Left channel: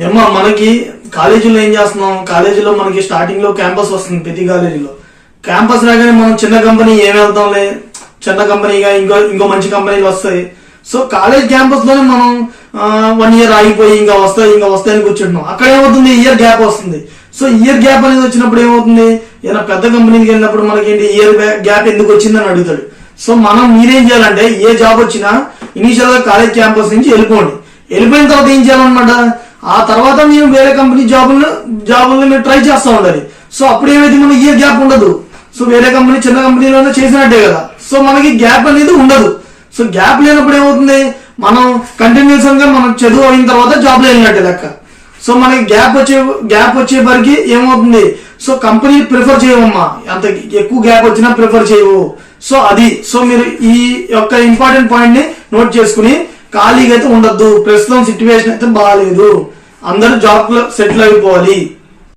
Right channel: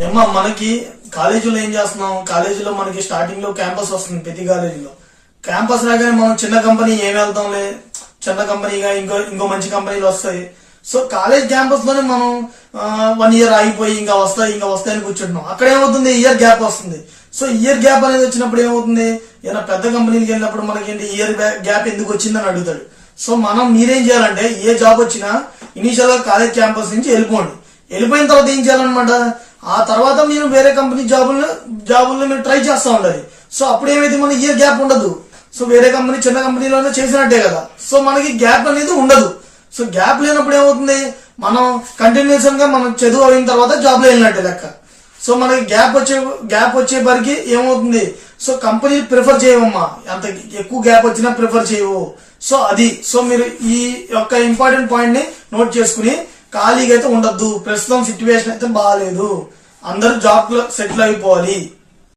ఏమో మనకి కాలేజీలో ఏం చేస్తున్నాం, కాలేజీలో మనకి స్టార్టింగ్ లో క్యాంపస్ వస్తుంది ప్రతి కాలేజీలో. క్యాంపస్ రాగానే మనం చిన్న కంపెనీ ఏం వెళ్తాంలే, చిన్న కంపెనీగా ఇంకో మంచి కంపెనీలు వస్తాయి. సో కాలేజ్ క్యాంపస్ లోనే మనం 1 year ఆగిపోయి ఇంకా వస్తాయని కూర్చుంటున్నాం. అక్కడ ఏమవుతుంది, ఇయర్ గ్యాప్ వస్తుంది. సో ఇయర్ గ్యాప్ అనేది వచ్చినప్పుడు ఏమవుతుంది, ఏదైనా పెద్ద కంపెనీకి వెళ్ళినప్పుడు మనకేంటి ఇయర్ గ్యాప్ ఎందుకు వచ్చిందని అడుగుతాడు. సో మీరేం చేయాలంటే ఏ జాబ్ వచ్చినా ఇనీషియల్ గా కాలేజ్ క్యాంపస్ నుంచి వెళ్ళిపోయిన తర్వాత ఏం చేయాలన్నమాట, ఆ తర్వాత మీరు వేరే కంపెనీ జాబులను మీరు ట్రై చేస్తూ ఉండాలి. సో అప్పుడు ఏమైతే మనకి ఇయర్ గ్యాప్ ఉండదు. సో వేరే కంపెనీ చిన్న కంపెనీలోనే చేసినట్టే కదా. సో మనకి గ్యాప్ అనేది ఉండదు. సో గ్యాప్ లేనప్పుడు ఏమవుతుంది, మనం కంటిన్యూస్ గా మనం చదువు అయిన తర్వాత జాబ్ లో వెళ్ళినట్టే లెక్క. సో మనకి గ్యాప్ వచ్చే వరకు ఏమవుతుంది, సో కంపెనీ ప్రిఫర్ చేయవమ్మా, అంత ఎక్కువ గ్యాప్ వచ్చినా ప్రిఫర్ చేయవు. సో సో మీరు ఈ యొక్క ఇంపార్టెంట్ పాయింట్ ని నోట్ చేసుకుని ఖాళీగా అయితే ఉండద్దు. ప్రస్తుతం సిచ్యువేషన్ అయితే బాగాలేదు, అందరూ జాబ్ లో సెటిల్ అయిపోవాలి.